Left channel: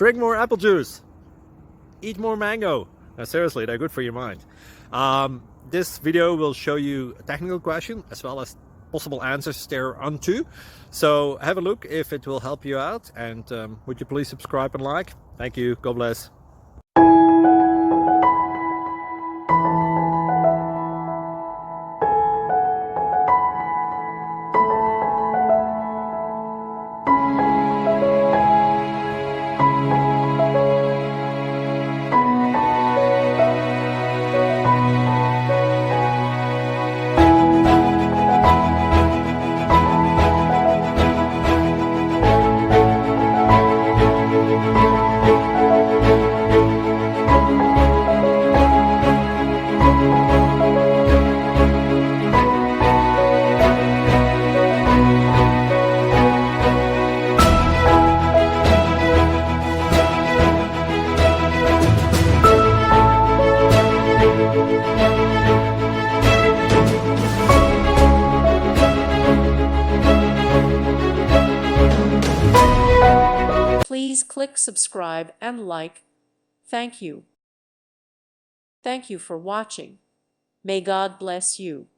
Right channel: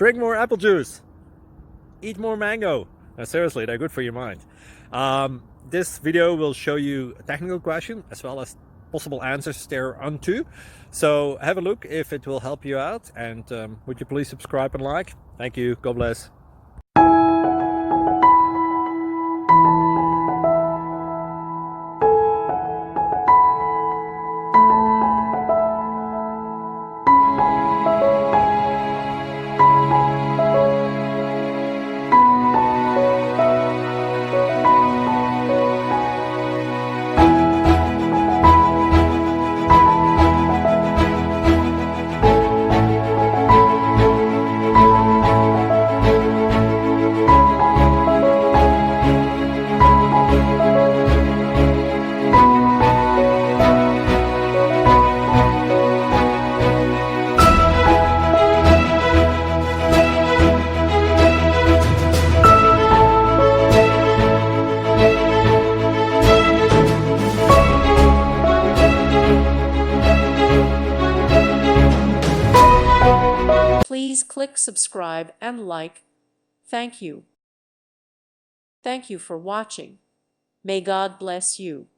Drink more apple juice. Eat more mango. No, seriously, they're good for your mind. This video will show you a technical question as well as possible answers thereunto. So have a look if it will help you out, and would you please subscribe and like? Thank you. God bless. Please click subscribe and like. Thank you. Thank you for watching. May God bless you.